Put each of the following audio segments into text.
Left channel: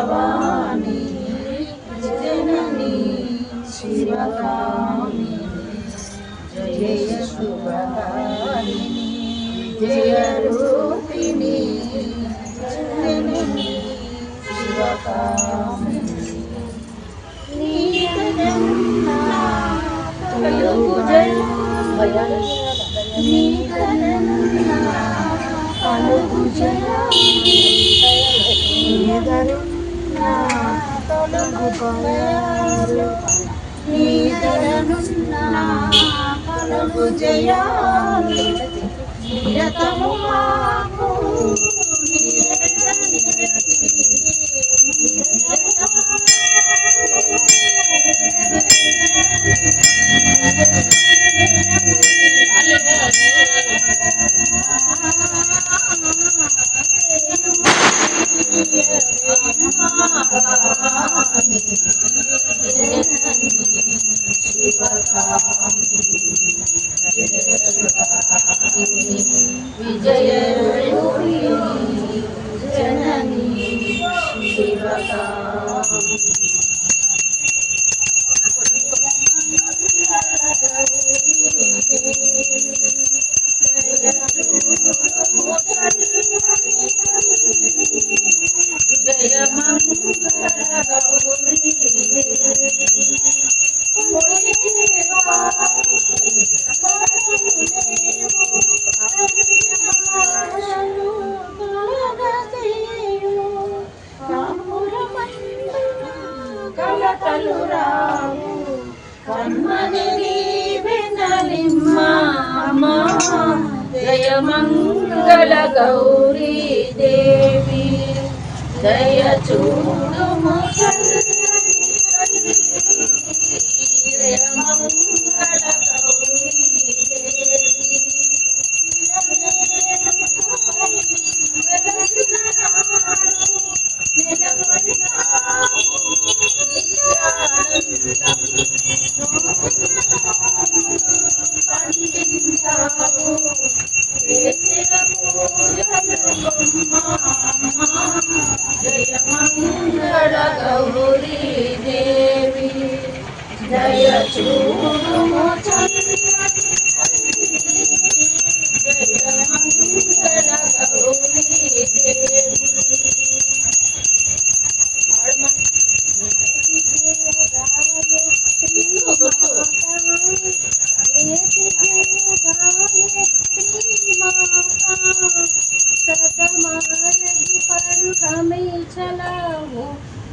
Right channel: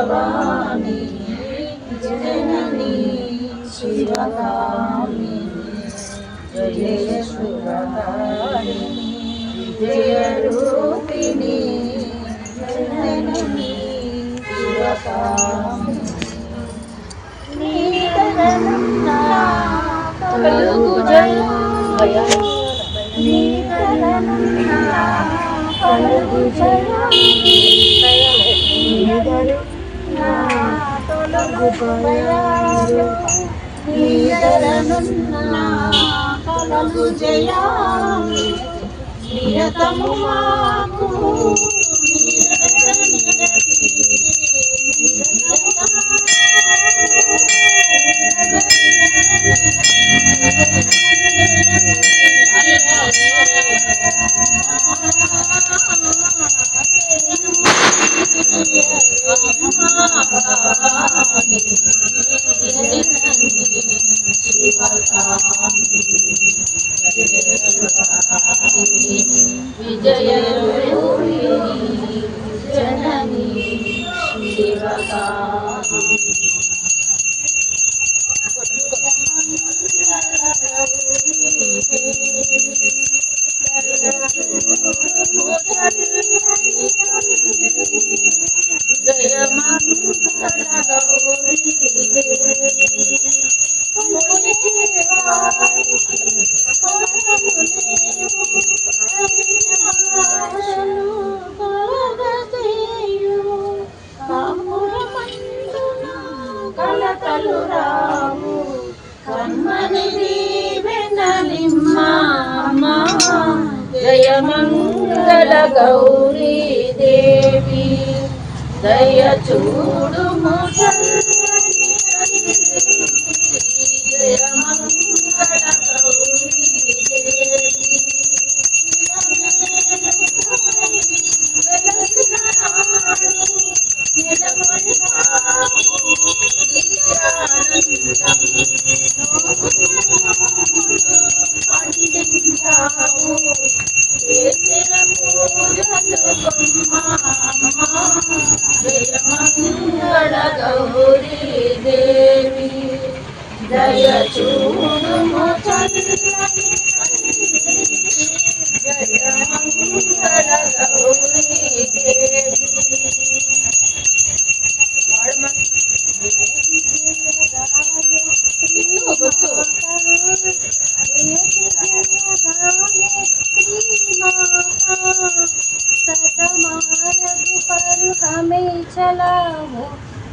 భవాని జనని శివగామి జయ శుభకారిణి జయ రూపిణి జనని శివగామి నీకరన్నా కలుగు జయ నీకరన్నా కలుగు జయ తొలగు భయాలు నీదరనున్నా కలగు జయాలు నిరతము మాకు విజయ జనని జయ మంగళ గౌరీ కలకలు రావు కమ్మని వెనలిమ్మా జయ మంగళ గౌరీ దేవి దయ చూడుము జయ మంగళ గౌరీ దేవి పండించావు చేసిన పూజలు జయ మంగళ గౌరీ దేవి దయ చూడుము చల్లని జయ మంగళ గౌరీ దేవి सतमारग पर हमें चलाओ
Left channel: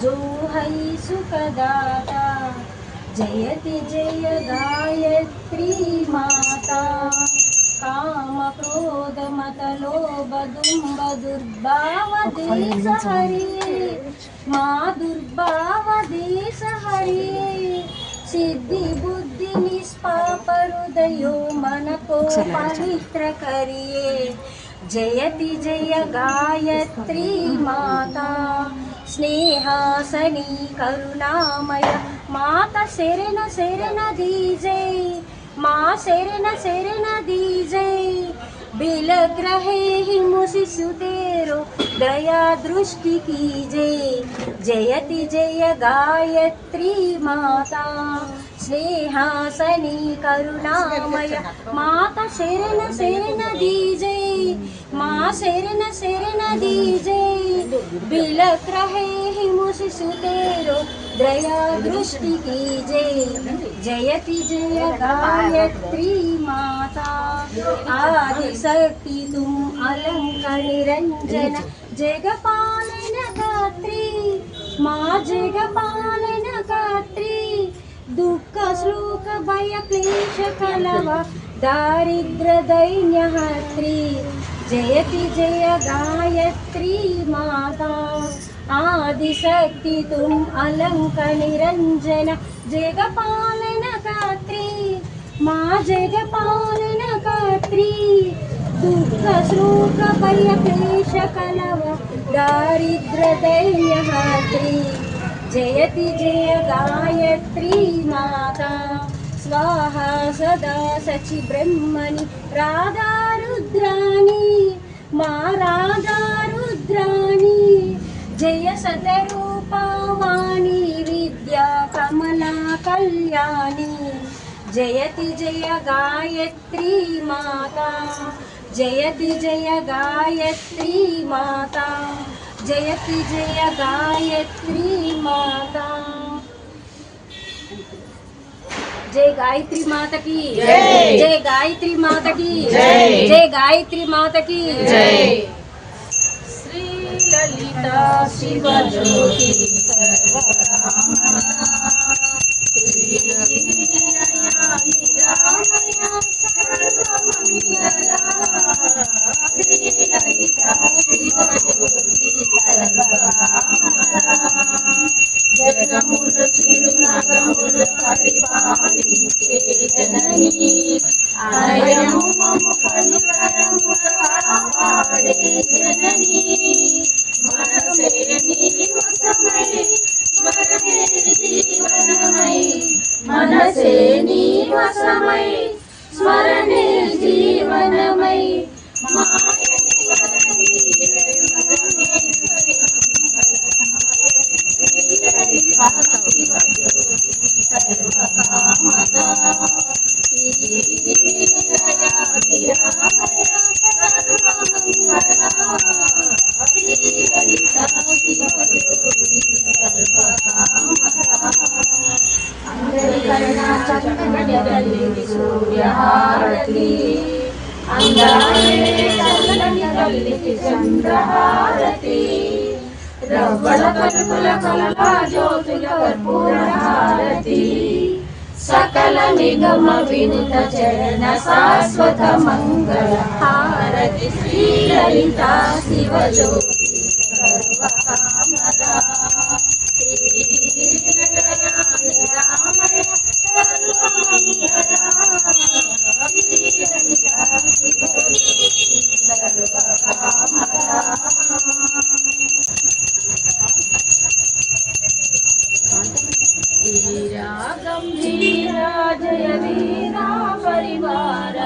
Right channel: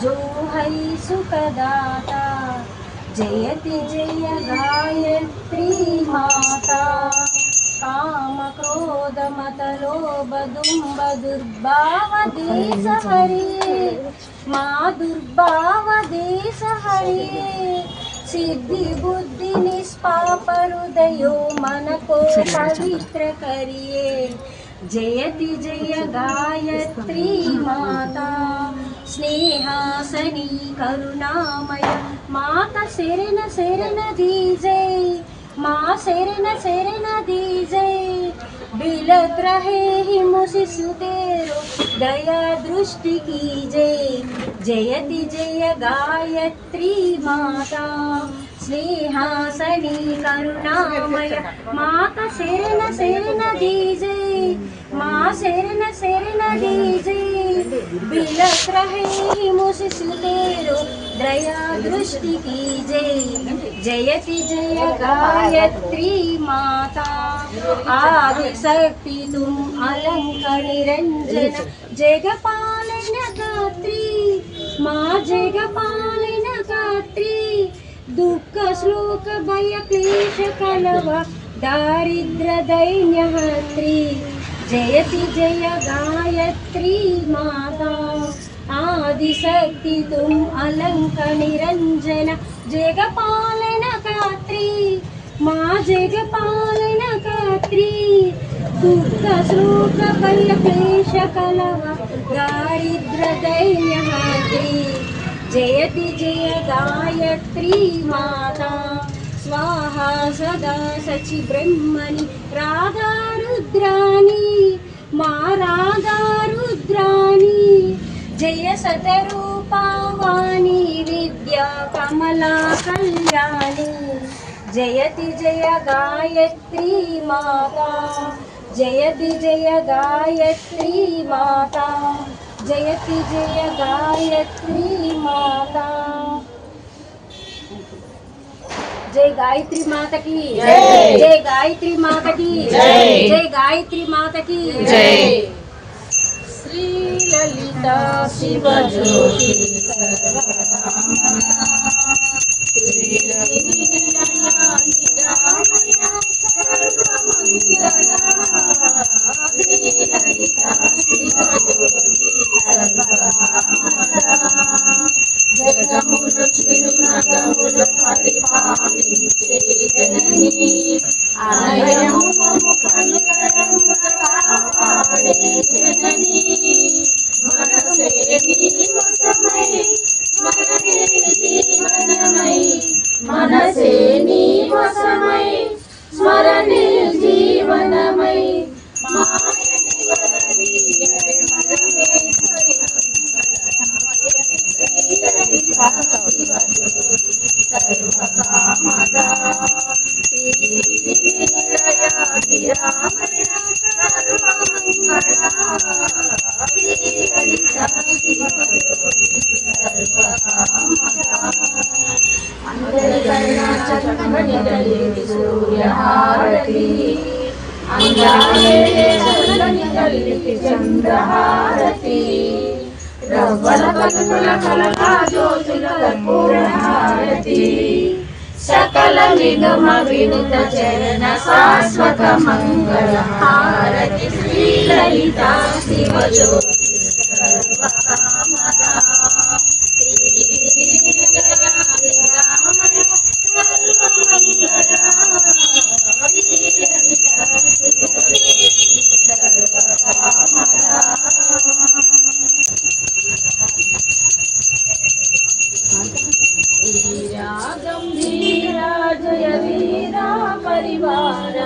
जो है सुखदाता जयति जय गायत्री माता काम क्रोध मत लोभ दुम्ब दुर्भाव देश हरिये माँ दुर्भाव देश हरिये सिद्धि बुद्धि निष्पाप हृदयो मन को पवित्र करिए जयति जय गायत्री माता स्नेहासनी करुणामय माता शरण शरण दीजय माँ शरण शरण दीजय बिलग रहे ही मुशिशु तेरो दया दृष्टि कीजय जयति जय गायत्री माता स्नेहासनी करुणामय माता शरण शरण दीजय माँ शरण शरण दीजय बिलक रहे ही मुशिशु तेरो दया दृष्टि कीजय जयति जय गायत्री माता आदि शक्ति तुम अलंक निरंजन जगपालन गात्री माँ जगपालन गात्री दुःख श्लोक भय क्लेश कलव दारिद्र दैन्य हत्री जयति जय गायत्री माता आदिशक्ति तुम अलंक निरंजन जगपालन गात्री माँ जगपालन गात्री दुःख शोक भय क्लेश कलव दारिद्र दैन्यहात्री जयति जय गायत्री माता स्वाहा सदा सचि ब्रह्मणि राधा रुद्राणी मा राधा रुद्राणी जय सतरूपावाणी विद्या कमला कल्याणी जयति जय गायत्री माता जयति जय गायत्री माता जयति जय गायत्री माता। जय गायत्री माता की जय गायत्री माता की जय गायत्री माता की जय। श्री ललिता शिव ज्योति జగములు చిరునగములు పరిపాలించే జననీ ఆలయము మము కనుకరము కాపాడే జననీ మనసే నీ వశమై స్మరణే జీవనమై మనసే నీ వశమై స్మరణే జీవనమై మాయని వరనీయే మనమేశ్వరి సర్వకామదా శ్రీలయా గిరామయ సర్వమంగళా శ్రీలలితా శివజ్యోతి సర్వకామదా అందరికన్నా చక్కటి తల్లికి సూర్యహారతి అందాలే చల్లని తల్లికి చంద్రహారతి రవ్వల పలుకుల కలలా జ్యోతుల కర్పూర హారతి సకల నిగమ వినుత చరణ శాశ్వత మంగళ హారతి శ్రీ లలితా శివ జ్యోతి సర్వకామదా శ్రీరామయ సర్వమంగళా శ్రీ లలితా శివ జ్యోతి సర్వకామదా। गंभीरा जय वीरा परिवार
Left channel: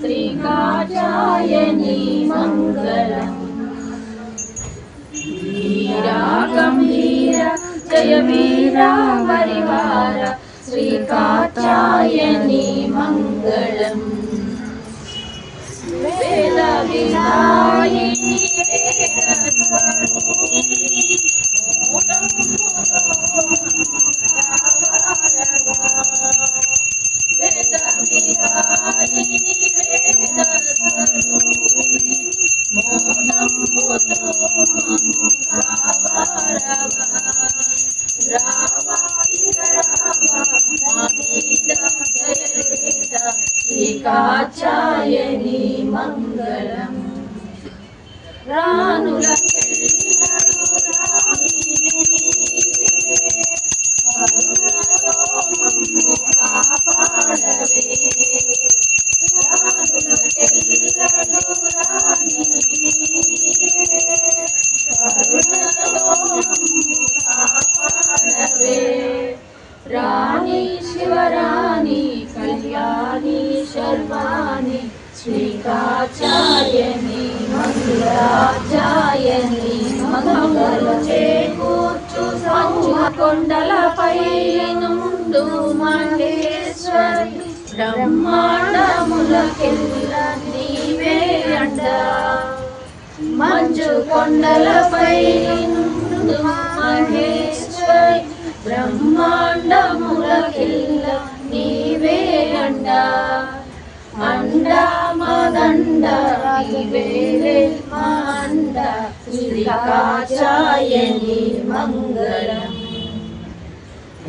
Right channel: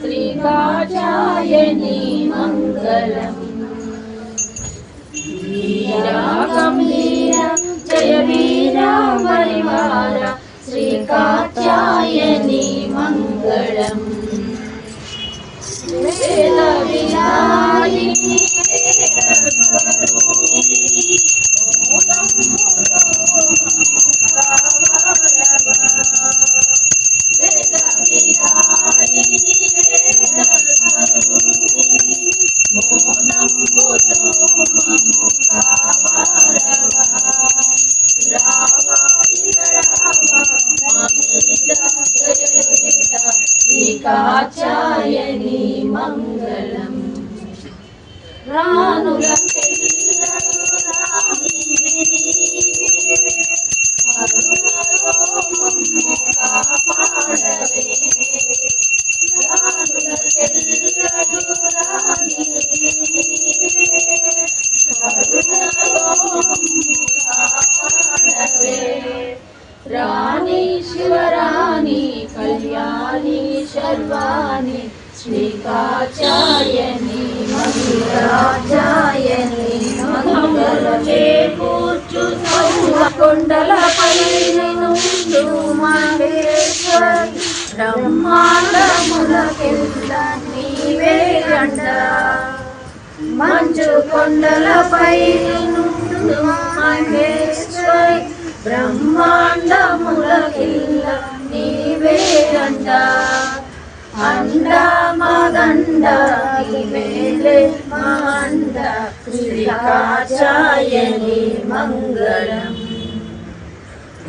श्री कात्यायनी मंगलम। वीरा गंभीरा जय वीरा परिवार श्री कात्यायनी मंगलम। वेद विदायिनी కాత్యాయని మంగళం। రానుల रानी शिवरानी कल्याणी शर्वाणी श्री कात्यायनी मंगलाचार्यनी मंगलचे కూర్చు కొండలపై నుండు మహేశ్వర్ బ్రహ్మాండములకెల్ల నీవే అండ మంచు కొండలపై నుండు మహేశ్వర్ బ్రహ్మాండములకెల్ల నీవే అండ అండ మదండ నీవేలే మా అండ శ్రీ కాత్యాయని మంగళం।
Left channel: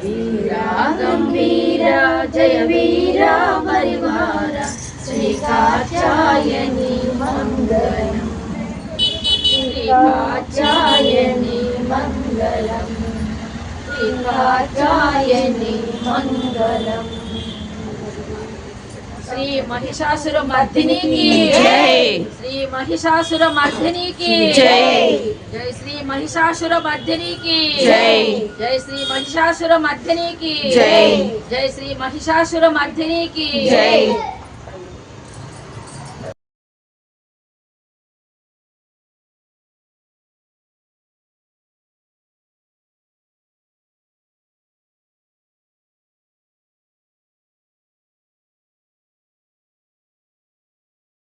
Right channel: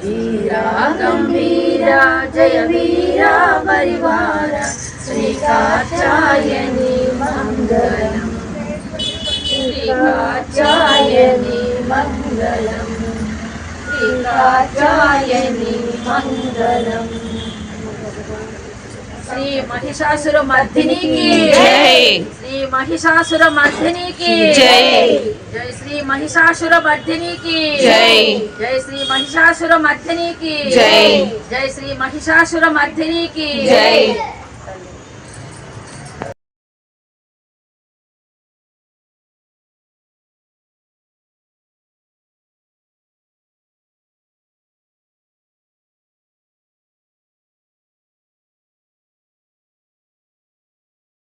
వీరా గంభీరా జయ వీరా పరివార శ్రీ కాత్యాయని మంగళం। శ్రీ కాత్యాయని మంగళం శ్రీ కాత్యాయని మంగళం। శ్రీ మహిషాసుర మర్దినికి జై శ్రీ మహిషాసుర మర్దినికి జై జై శ్రీ మహిషాసుర మర్దినికి జై జై శ్రీ మహిషాసుర మర్దినికి జై జై శ్రీ మహిషాసుర మర్దినికి జై